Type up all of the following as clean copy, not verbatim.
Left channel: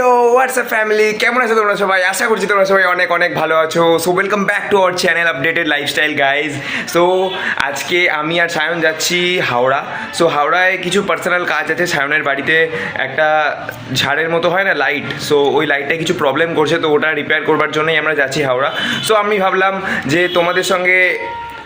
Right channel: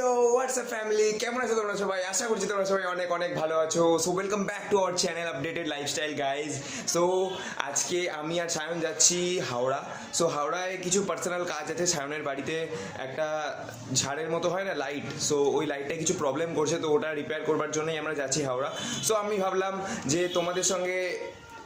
ইয়ো WhatsApp family, কেমন আছো তোমরা সবাই? আশা করছি তোমরা সবাই অনেক অনেক ভালো আছো। So welcome back to our channel updated lifestyle guys. So আজকে আমি আর সায়ন যাচ্ছি হাওড়া। সো হাওড়ায় কিছু পার্সোনাল কাজ আছে। সায়নের বাড়িতে একটা ঝাড়ের মতো হয় না, লাইট, সো ওই লাইটটায় কিছু প্রবলেম করছে, তো ওটা রিপেয়ার করবার জন্যই আমরা যাচ্ছি হাওড়া। সো আমি ভাবলাম যে তোমাদের সঙ্গে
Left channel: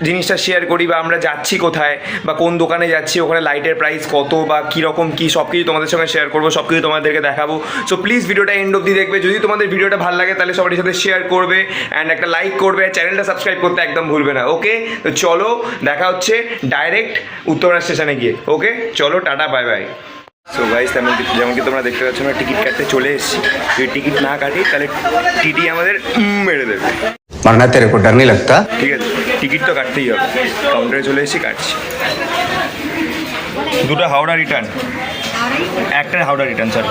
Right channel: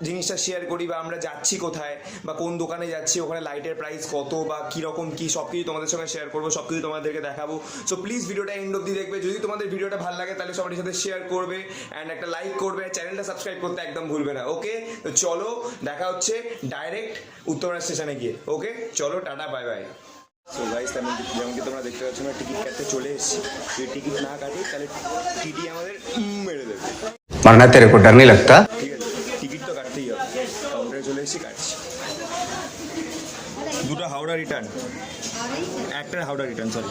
জিনিসটা শেয়ার করি, বা আমরা যাচ্ছি কোথায় বা কোন দোকানে যাচ্ছি, ওখানে লাইটের প্রাইস কত বা কীরকম কী, সব কিছু তোমাদের সঙ্গে শেয়ার করবো, সব কিছু তোমাদেরকে দেখাবো। সো প্লিজ ভিডিওটা এন্ড অবধি দেখবে। যদি তোমাদের ভিডিওটা ভালো লাগে তাহলে সবার সাথে শেয়ার করবে অ্যান্ড একটা লাইক করবে, চ্যানেলটা সাবস্ক্রাইব করতে একদম ভুলবে না। ওকে, তো চলো দেখা হচ্ছে ডাইরেক্ট উত্তরপাড়া স্টেশনে গিয়ে। ওকে চলো, tata, bye bye. So guys, যেমন কি তোমরা দেখতে পাচ্ছ, আমরা টিকিট কাটতে চলে এসেছি। যদি টিকিট না কাটি তাহলে টিটি আমাদের মেরে দেবে। मरना तेरे को डर नहीं लगता? ঠিক আছে, টিকিট তো কাটতেই হবে। কাউন্টারে চলে এসেছি, কাটছি। দুটো হাওড়া রিটার্ন, একটা হাওড়া রিটার্ন, সরি।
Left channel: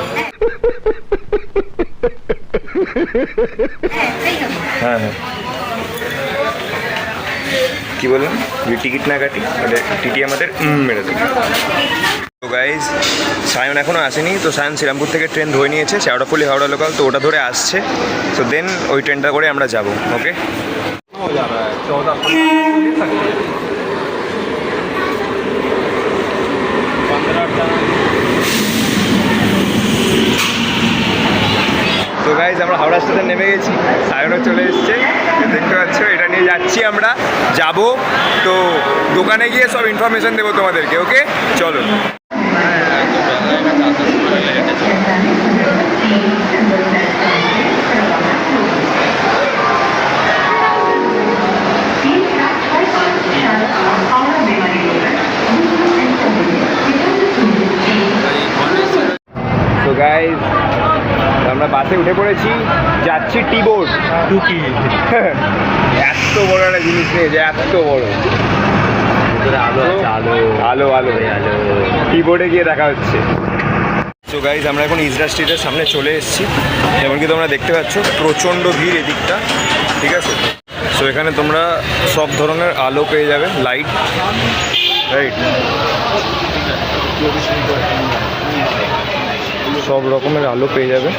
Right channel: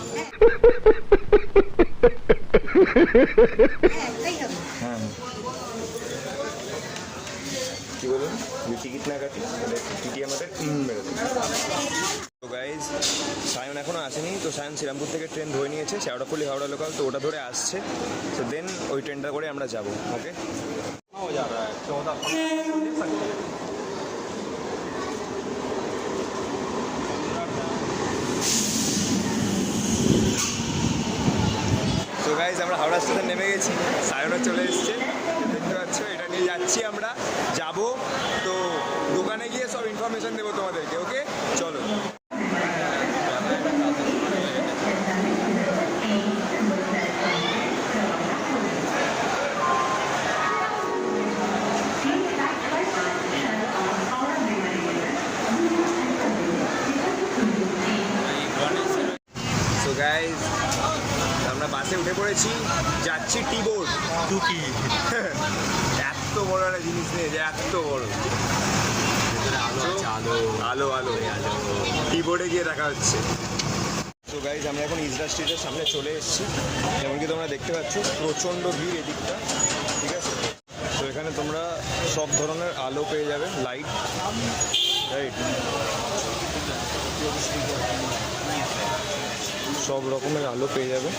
হ্যাঁ হ্যাঁ, কী বললাম? যদি টিকিট না কাটি তাহলে টিটি আমাদের মেরে দেবে। তো গাইজ, সায়ন এখনও আসেনি। তো সায়ন শ্রীরামপুর থেকে ট্রেন ধরে নিয়েছে, শেওড়াফুলি হাওড়া লোকাল, তো ওটা ধরে আসছে। তো দেন ওই ট্রেনটা করে আমরা যাব। ওকে, তো গাইজ আমরা হাওড়া স্টেশন নেমে গেছি, সায়নও চলে এসছে, দেখতে পাচ্ছ। এটা নিয়ে যাচ্ছি, আমরা যাব। তো দোকানে গিয়ে সব ইনফরমেশন দেবো তোমাদেরকে। ওকে চলো। তো গাইজ, আমরা বাসে উঠে পড়েছি, যাচ্ছি টি বোর্ড। টুকি এত বড় একটা জিনিস নেই যে এত বড়। আলো আলো টি বোর্ডে গিয়ে দেখা হচ্ছে। তো গাইজ, আমরা এখন ইজরা স্ট্রিটের সামনে চলে এসেছি। যেমন কি তোমরা দেখতে পাচ্ছ, প্রচণ্ড ভিড় এদিকটা, ঠিক আছে। সো এখানে তোমরা সব ধরনের আলো পেয়ে যাবে, লাইট, রাইট, সব রকমের আলো পেয়ে যাবে,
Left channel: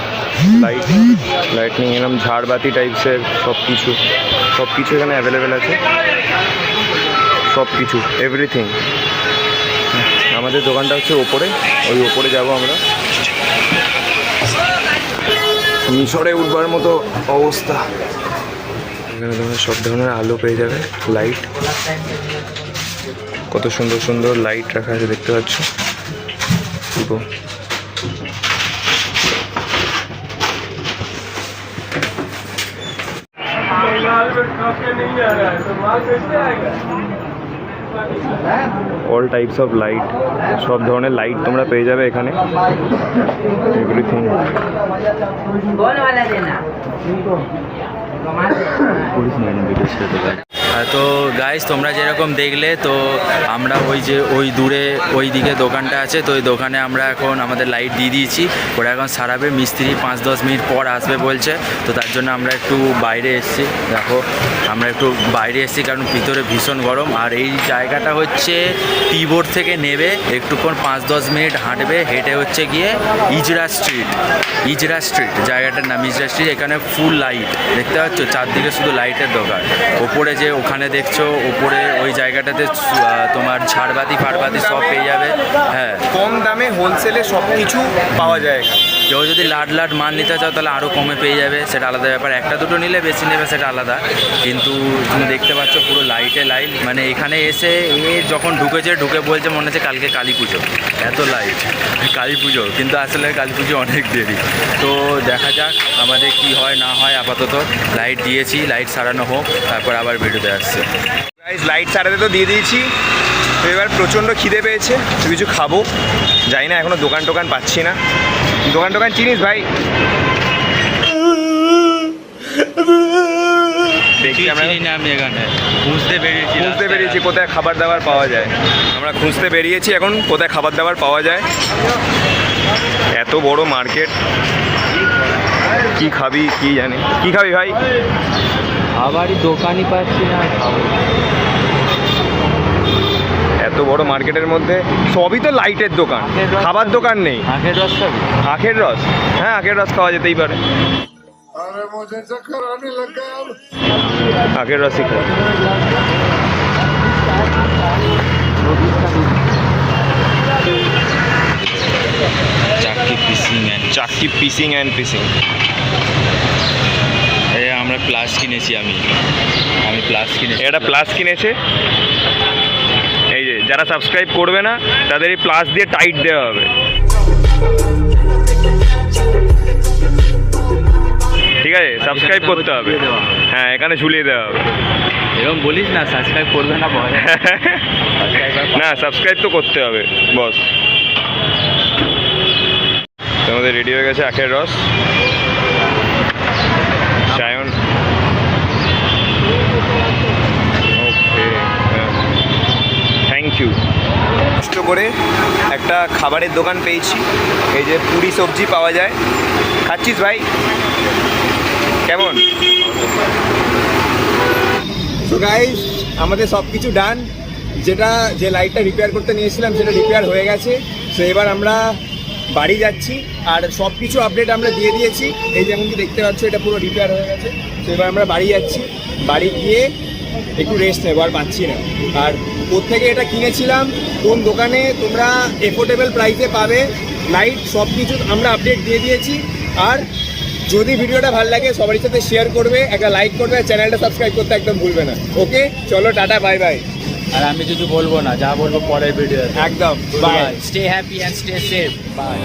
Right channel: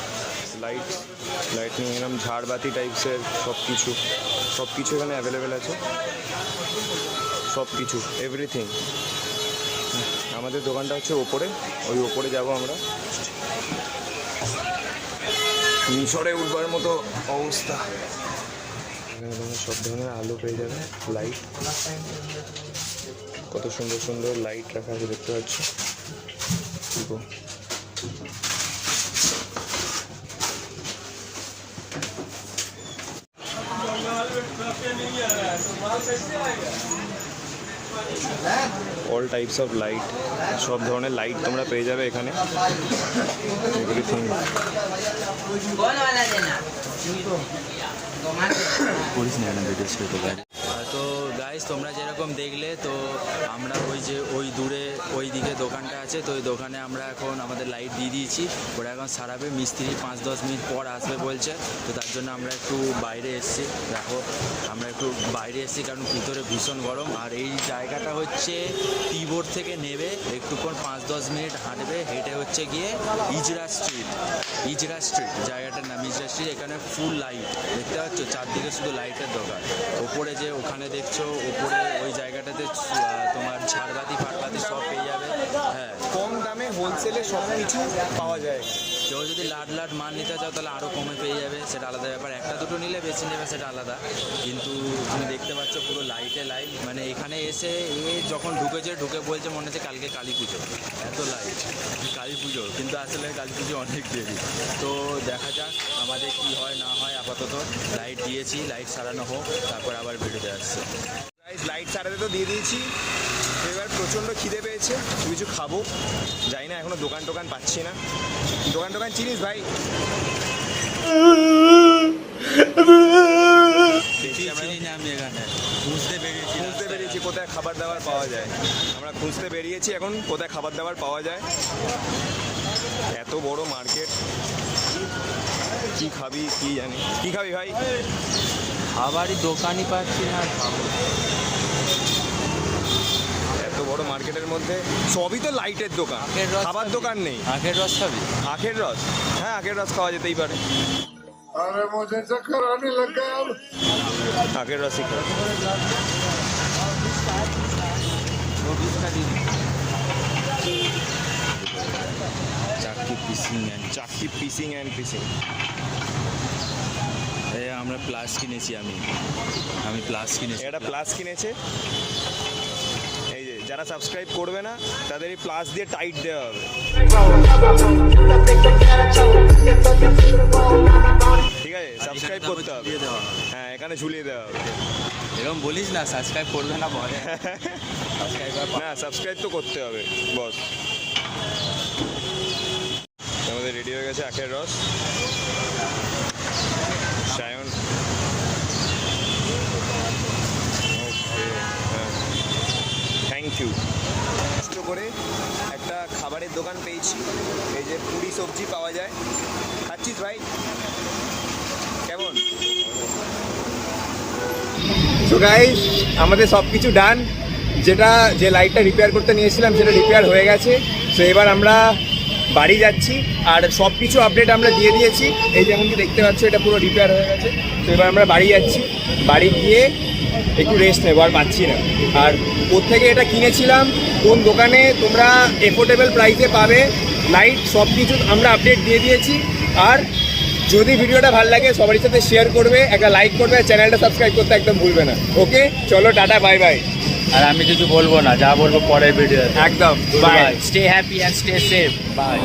লাইটনিং, এরকম ঝাড়বাতি টাইপসের সব কিছু এখানে অ্যাভেলেবেল আছে। সব কিছু, এভরিথিং। আমাদের দোকানটা হচ্ছে ওপরে, ওই ওপরে যাব আমরা। মিশরে উঠবার মতো অবস্থা। এখানে তোমরা সব ধরনের আলো পেয়ে যাবে, লাইট, কত সুন্দর সুন্দর লাইট রাখা আছে, দেখতে পাচ্ছ। অল টাইপস অফ লাইট, সব ধরনের লাইট তোমরা পেয়ে যাবে এখানে, এভরিথিং। তো গাইস, তোমরা যেরকম দেখলে, তো আমরা ওই দূরে ওই দিকে দোকানটা আছে, তো ওই দোকানে আমরা এখন আমাদের লাইট দিয়ে দিয়েছি। ওরা এখন সারাবে, মিস্ত্রি 5-10 মিনিট পর আসবে বলছে। তো তার জন্য আমরা একটু বাইরে এসেছি। দেখো, আমরা একটু বাইরে এসেছি কারণ ভিতরে ভীষণ গরম। আর এই জায়গাটা হচ্ছে টি বোর্ড থেকে নেবে একটুক্ষণ 5-10 মিনিট হাঁটবে, হেঁটে হচ্ছে গিয়ে ইজরা স্ট্রিট জায়গাটার নাম ইজরা স্ট্রিট। এখানে ফুল লাইট দেখতে পাচ্ছ, চারদিকে শুধু লাইটের দোকান। ওপরে যে ওখানে দেখছো, ওপরে ওই জায়গাটাতে তোমার ঝাড়বাতি ফাড়বাতি সব পেয়ে যাবে। হ্যাঁ, কম দামে হোলসেলে সব কিছু পাওয়া যায়। কেউ যদি লাট মাল নিতে চাও তাহলে আরও কমে পেয়ে যাবে, সেটা আলাদা ব্যাপার। একটা দুটো নিলে বেশি নেবে, সেটা আলাদা। কিন্তু তুমি দেখতে পাচ্ছ পুরো লাইটে লাইট। মানে এখানে এসে যখন ঢুকে বলছে মনে হচ্ছে কালকে কালী পুজো, এত লাইট। কালী পুজো, কিন্তু আসলে কালী পুজো অনেক দেরি। তো দেখা যাক আমাদের কি হয় না হয়। আপাতত লাইট দিয়েছি, লাইট সারানো হোক, তারপর আবার ভিডিওতে আসছে। লাইট সারাতে তো দিয়ে দিয়েছি। তো এবার প্রচণ্ড খিদে পেয়েছে, কিছু খাবো। যাই না, এখনো দোকান টোকান পাচ্ছি না। দোকান চিনিস ভাই? দেখি, আমরা আমি এখানে খুঁজতে বেরিয়েছি কোথায় খাবার দাবার পাওয়া যায়। আমরা খুঁজতে বেরিয়েছি এখন কোথায় খাবার দাবার পাওয়া যায়। এত বড় মার্কেট, কি খাবি কি জানি। কি খাবি ভাই? আবারই দোকানই পাচ্ছি না, খাবো। এত এত বড় মার্কেটের মধ্যে সবই তো লাইটের দোকান, খাবার দোকান নেই। আখের রস খাবি? আখের রস, হ্যাঁ আখের রস খাওয়া যেতেই পারে। अरे मुझे चक्कर आने लगा अब। আখের রসই খাওয়া। চাকি পিসিং অ্যান্ড চাক্কি পিসিং অ্যান্ড পিসিং। আমরা প্লাস কিনেছি, আমি প্লাস কিনেছি। এটা প্লাস কিনেছে, এই যে যারা সাবস্ক্রাইব করবে না তাদের এই প্লাস দিয়ে টাইট দেওয়া হবে, ঠিক আছে? সাবস্ক্রাইব করতে হবে, হ্যাঁ এখানে ঝুলিয়ে দেওয়া হবে। এরকম বলিস না, সাবস্ক্রাইব করবে না বল। না সাবস্ক্রাইব তো করতে হবে বস। তোমাদের রেডি হয়ে গেছে আখের রস। Sayan thank you. কষ্ট করে একটা খাবারের দোকান পেয়েছি, এই যে পুরি সবজি পাওয়া যায়। খাচ্ছিস ভাই? কেমন? তো গাইস আমাদের সব কিছু ডান, যে লাইটটা রিপেয়ার করতে নিয়েছিলাম সেটা রিপেয়ার হয়ে গেছে। তো এবার আমরা বাড়ি যাচ্ছি, আর সব কিছু আপডেট আমরা দিয়ে দিয়েছি। এই যেমন কি দেখতে পাচ্ছ এটা পুরো রিপেয়ার হয়ে গেছে। তো এবার আমরা বাড়ি যাচ্ছি, বাড়ি গিয়ে একটু রেস্ট নেবো, আর পাচ্ছি না। আর কোত্থেকে এটা কিনেছিলাম, কোন দোকানে তোমরা এফোর্ডেবল প্রাইসে পাবে, লাইট সব কিছু আমরা আপডেট দিয়ে দিয়েছি। আর যদি ভিডিওটা ভালো লাগে সবার সাথে শেয়ার করবে, একটা লাইক করবে, আর চ্যানেলটা সাবস্ক্রাইব করতে একদম ভুলবে না। ওকে চলো টাটা, বাই বাই। আর আমি কিছু বলবো না, যা বলবো পরের ভিডিওতে। একদম bye. Stay happy and stay safe. By.